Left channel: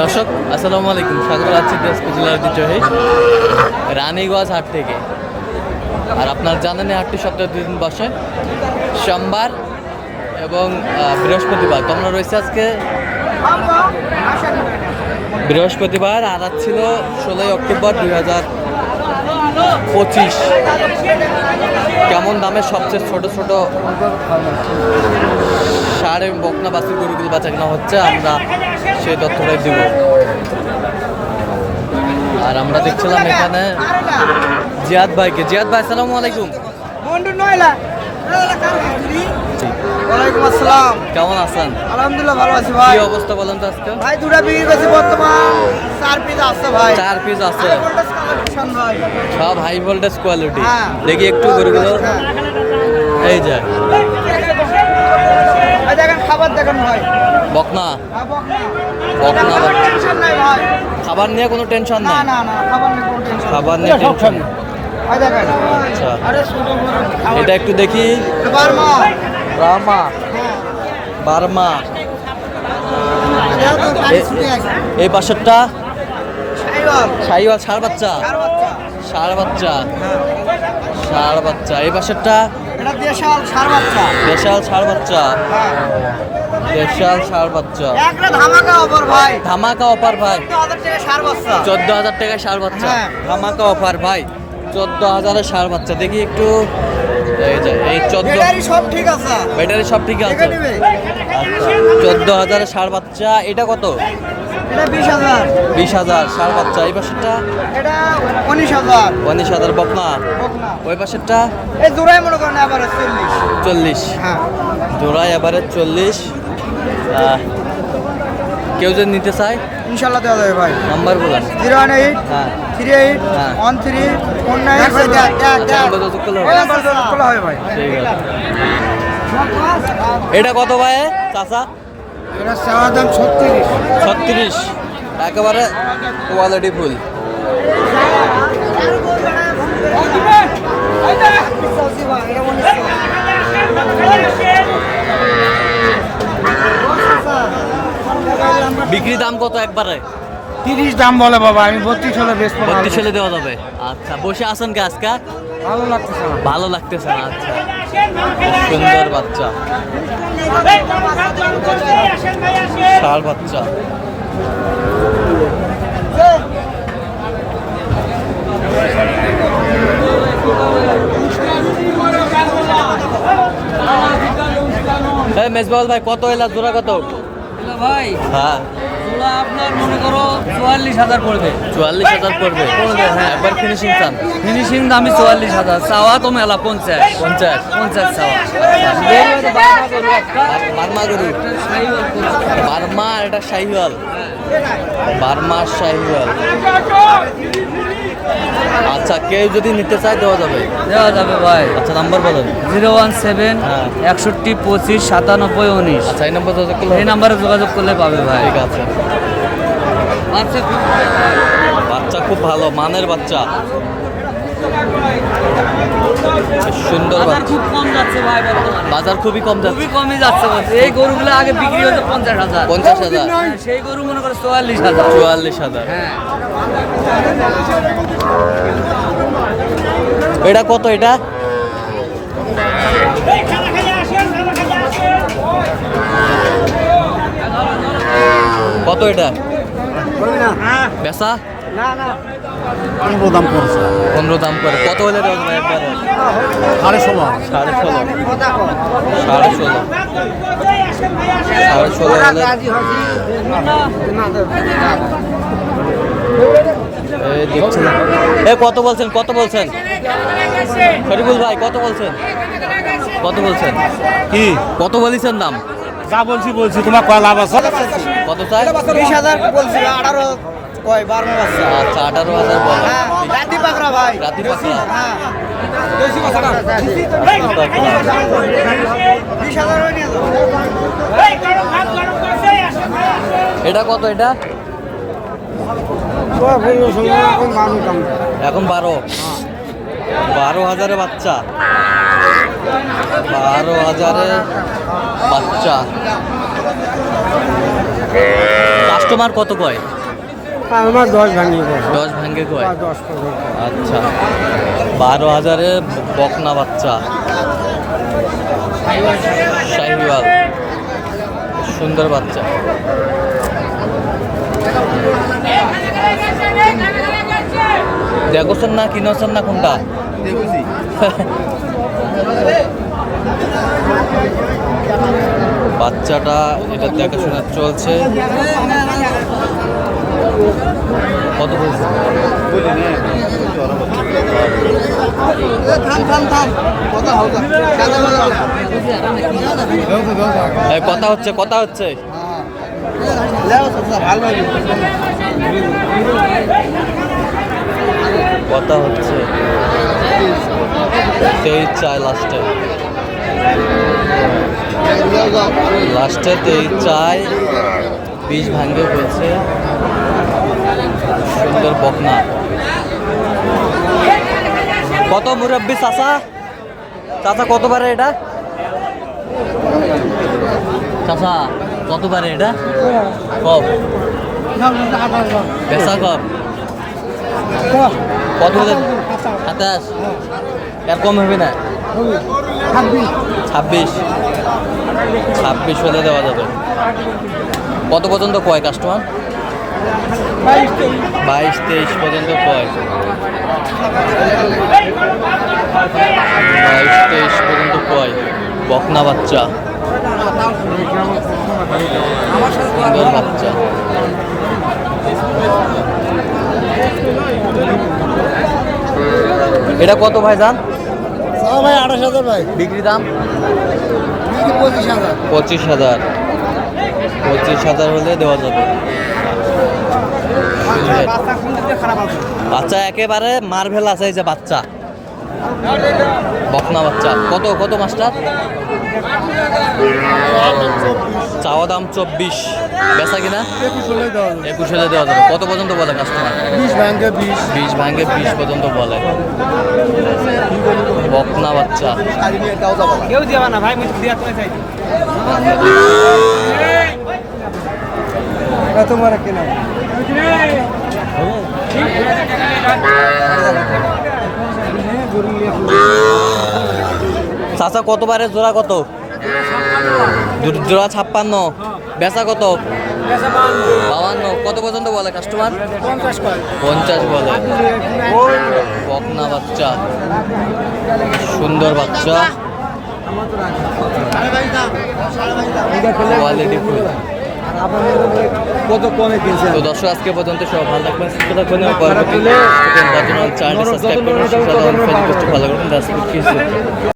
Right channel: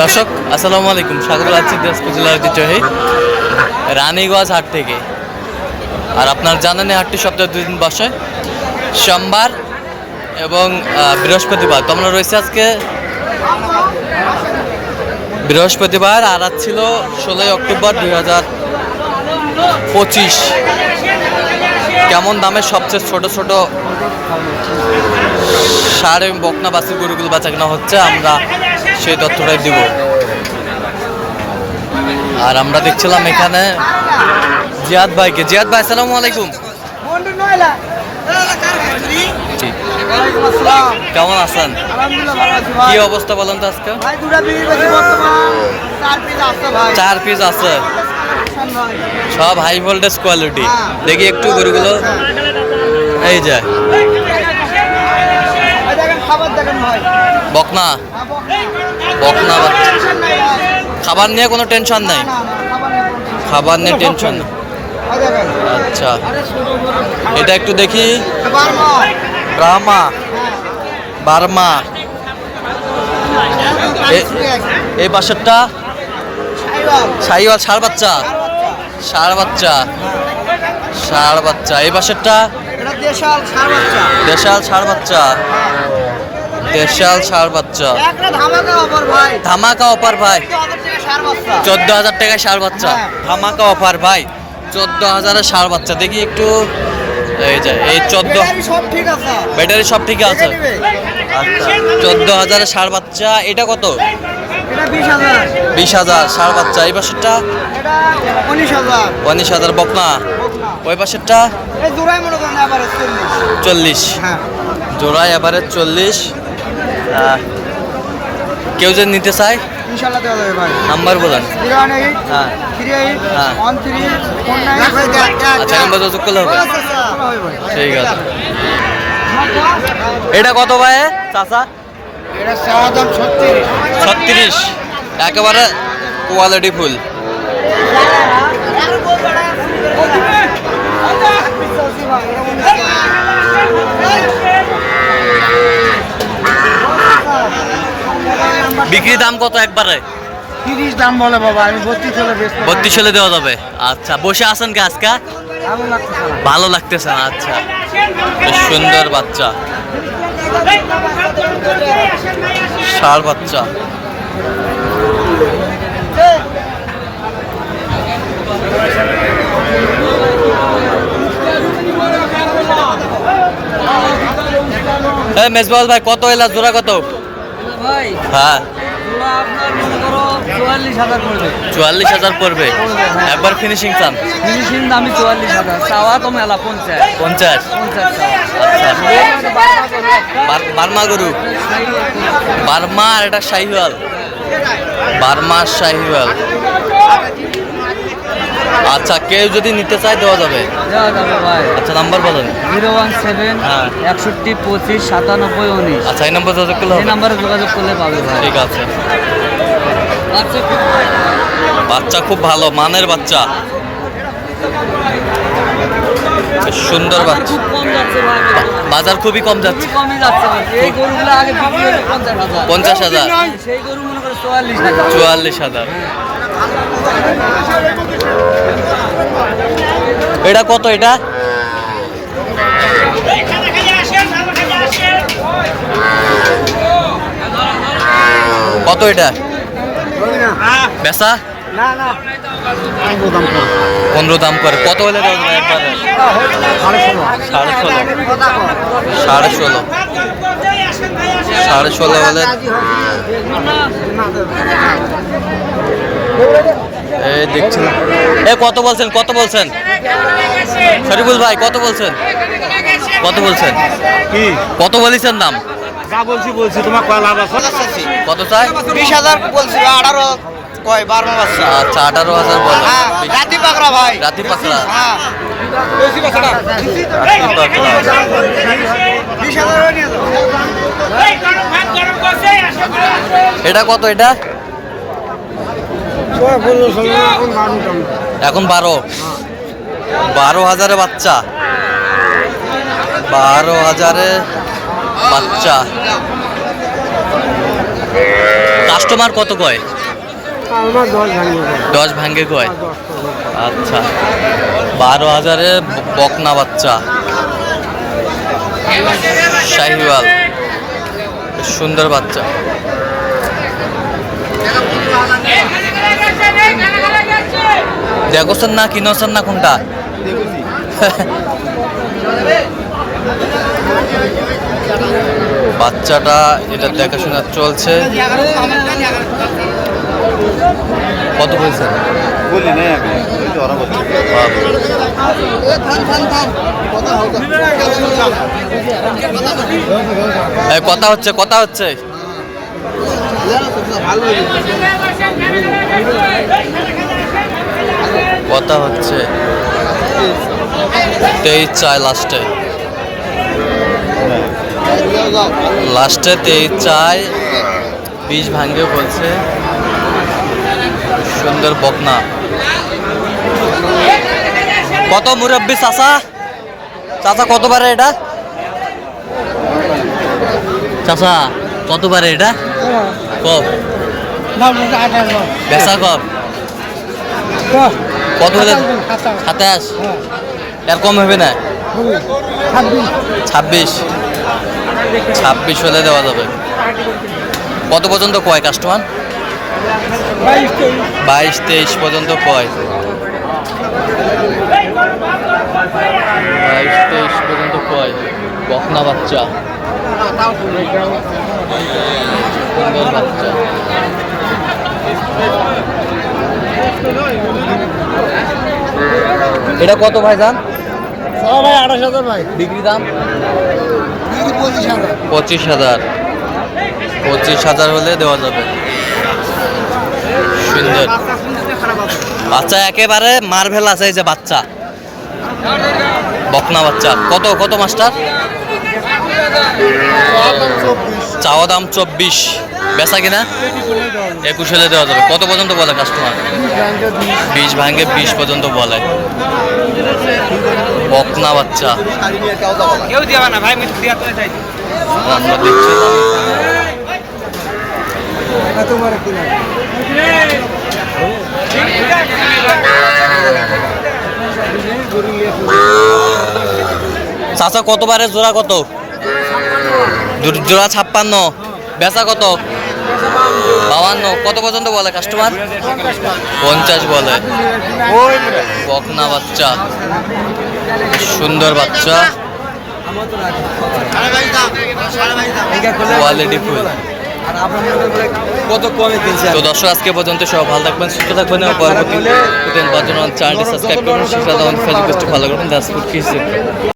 দর্শক, আসসালামু আলাইকুম। স্বাগত আছি দিনাজপুর জেলার ঐতিহ্যবাহী রানীগঞ্জ হাট থেকে। আর আপনার জানেন হাটটি সপ্তাহে দুই দিন বসে। সোমবার এবং বৃহস্পতিবার। তো আমরা রয়েছে আজকে বৃহস্পতিবার। আর আজ ছিল ষোলোই অক্টোবর দুই হাজার পঁচিশ। কেমন দামে সবচেয়ে ছোট ছোট সার এবং বকনা বাসির গরুগুলো বেচা কেনা হচ্ছে, আমরা সেই তথ্যটাই দিব। আর আমরা দেখছিলাম এখানে জিয়াদ ভাইকে। জিয়াদ ভাই আসসালামু আলাইকুম। কেমন আছেন? কি অবস্থা বলেন তো আজকে? চার পিস আছে সব হাই ভোল্টেজ কোয়ালিটি হ্যাঁ। দেখি একটু গরুগুলো। এই যে। ভাই দেখেন খাবার দেখেন হ্যাঁ, বকনা। বকনা খাবার নিয়ে কোনো টেনশন নাই? খাবার নিয়ে টেনশন আচ্ছা। এটা একটু দেখি। এবার মা ব্রাহ্মা হ্যাঁ বার্মা এই পাশেরটা? সাইওয়াল ষাড় বাচ্চা। ষাড় বাচ্চা। ষাড় বাচ্চা। এই পাশেরটা? দেশাল সার বাচ্চা। ষাড় বাচ্চা। হ্যাঁ। দেশাল ষাড় বাচ্চা। ধামাকা অফার ভাই। সার চোদ্দ হাজার টাকায় ষাড় বাচ্চা। হ্যাঁ। ধামাকা অফার ভাই। চোদ্দ হাজারের ষাড় বাচ্চা। দেখি একটু এই যে এই চোদ্দ ব্যাটারি সব ঠিক আছে। আচ্ছা চোদ্দ হাজারের ষাড় বাচ্চা। এটা কত? বিশ হাজার। ষাড় বাচ্চা। এই পাশেরটা? উনিশ হাজার। বকনা। ওই পাশেরটা? চল্লিশ। হ্যাঁ। জোড়ায় এবারে চল্লিশ। আহ, কেউ যদি নিতে চায়? ইনশাল্লাহ দেওয়া যাবে ভাই। নাম্বার বলেন। জিরো ওয়ান এইট হ্যাঁ। থ্রি এইট হ্যাঁ। One three four nine. আচ্ছা নাম্বার যোগাযোগ করলে হবে। ভাই। ঠিক আছে। এটা কত ভাই? চাচা? এটা ছত্রিশ। ছত্রিশ। একেবারে কোয়ালিটি ফুল বিক্রি দাম কত একবারে? তিরিশ দাম বলে বাবা আমি বত্রিশ হলে বেশ বত্রিশ হলে দেওয়া যাবে। আচ্ছা বসে আছেন কি আজকে? ভালো লাগতেছে না। ভালো লাগতেছে না আচ্ছা। বেশ সুন্দর বাচ্চা। ষাড় বাচ্চা। মেজবাউল ভাই কত এলা জোড়া কত? ভাই। হ্যাঁ। আপনার মনে করো চুয়াল্লিশ হাজার পড়বে। চুয়াল্লিশ হাজার পড়বে? হ্যাঁ। একবার ফিনিশিং চান? ফিনিশিং দামি চুয়াল্লিশ হাজার। চাওয়া তো মেলা পঞ্চাশ। পঞ্চাশ? পঞ্চাশ চাওয়া। আচ্ছা। বার্মা গরু বার্মা আর এটা শাহিওয়াল। বার্মা শাহিওয়াল। আচ্ছা কেউ যদি নিতে চায় দেওয়া যাবে? দেওয়া যাবে ভাই। আচ্ছা নাম্বার বলেন। জিরো ওয়ান সেভেন হ্যাঁ। একষট্টি পঁচিশ সাতানব্বই উনিশ। আচ্ছা এই নাম্বার যোগাযোগ করলে এই নাম্বারে যোগাযোগ করলে পাবে ভাই। ঠিক আছে। বাচ্চা খুব ভালো। মানের বাচ্চা। সুন্দর বাচ্চা। বাজার। খুবই কম যাচ্ছে। কমই যাচ্ছে এই গরুগুলো আগে বিক্রি হতো পঞ্চাশ হাজার। পঞ্চাশ হাজার। হ্যাঁ, সেই গরু মনে করে চুয়াল্লিশ হাজার। চুয়াল্লিশ হাজার। হ্যাঁ। এটা কত এটা? কত এটা? বেচা? পনেরো দাম করে। কত হলে সাড়ে ষোলো সাড়ে ষোলো সাড়ে ষোলো। সাড়ে ষোলো হলে এই দেখছিলাম এ, কত বলছেন? কত বলছেন? শরীফুল ভাই কত বলছেন কত বলছেন? কি? কত বলেছেন দাম? যা বলছি বলছি তোমার কয় লাভ আছে? কত চাই? বিশ হাজার বলছি আঠারো কয় বারো বাচ্চা আচ্ছা আঠারো হাজার বলে। হ্যাঁ, রাতি পাকড়া ভাই। রাতি পাকড়া? হ্যাঁ। এটা কত এটা? এখন বারো। বারো হাজারে বাচ্চা। বারো হাজারে বাচ্চা। কাস্টমার কত কয়? আমার দশ দশ ভাঙ্গে কয়? আচ্ছা। বারো হাজারে বকনা বাচ্চা। শাহিওয়াল। সুন্দর বাচ্চা। দেখোছেন না কিনোছেন না কোনটা? বাচ্চাটা এটা দেখাশোনা চলছে। কত বলছেন? কথা কথা হচ্ছে কথা হচ্ছে। ভালো কথা হচ্ছে তেইশ চায় লাস্টে। লাস্টে তেইশ চায় বিষ ভাঙ্গে বলছে সুন্দর বকনা। কত মুরব্বী চাচা? চাচা কত পারে এটা? চাচা কত পারে এটা কব বেচা কব কত হলে সাতাশ। এর কম হবে না? ছাব্বিশ। ছাব্বিশ হলে দেওয়া যাবে। কত পর্যন্ত কয় কাস্টমার বাইশ তেইশ পর্যন্ত কয়? বাইশ তেইশ পর্যন্ত কয়? বকনা বাচ্চা। সুন্দর বাচ্চা। এটা কত ভাই যান ভাই আঠাশ হাজার ভাই। বিক্রি দাম? পঁচিশ হাজার। পঁচিশ হাজার। পঁচিশ হাজার হলে দেওয়া যাবে। সুন্দর। বাচ্চা একেবারে মার্ভেল আছে এই যে বাচ্চা। বকনা বাচ্চা। কত কত মাস্টার? চাওয়া দাম চব্বিশ। বেচা কিনা? একুশ হলে দেওয়া যাবে। কত পর্যন্ত বলে কাস্টমার বিশ ভাঙ্গে বিশ পর্যন্ত বলে। বকনা বাচ্চা। কেউ দিবা না ভাই আমরা দেখছি। কিনা চাচা কতবারে, জোড়া কত? জোড়া ছাপ্পান্ন। বেচা কত? বাউান্ন কত পর্যন্ত বলে কাস্টমার পঞ্চাশ বলে। বকনা বাচ্চা। সুন্দর বাচ্চা। কোয়ালিটি ফুল তো দর্শক, আজকে পর্যন্ত সব ভালো থাকবেন, সুস্থ থাকবেন এবং পরবর্তীতে চ্যানেলটি সাবস্ক্রাইব করবেন। সেটা করবেন।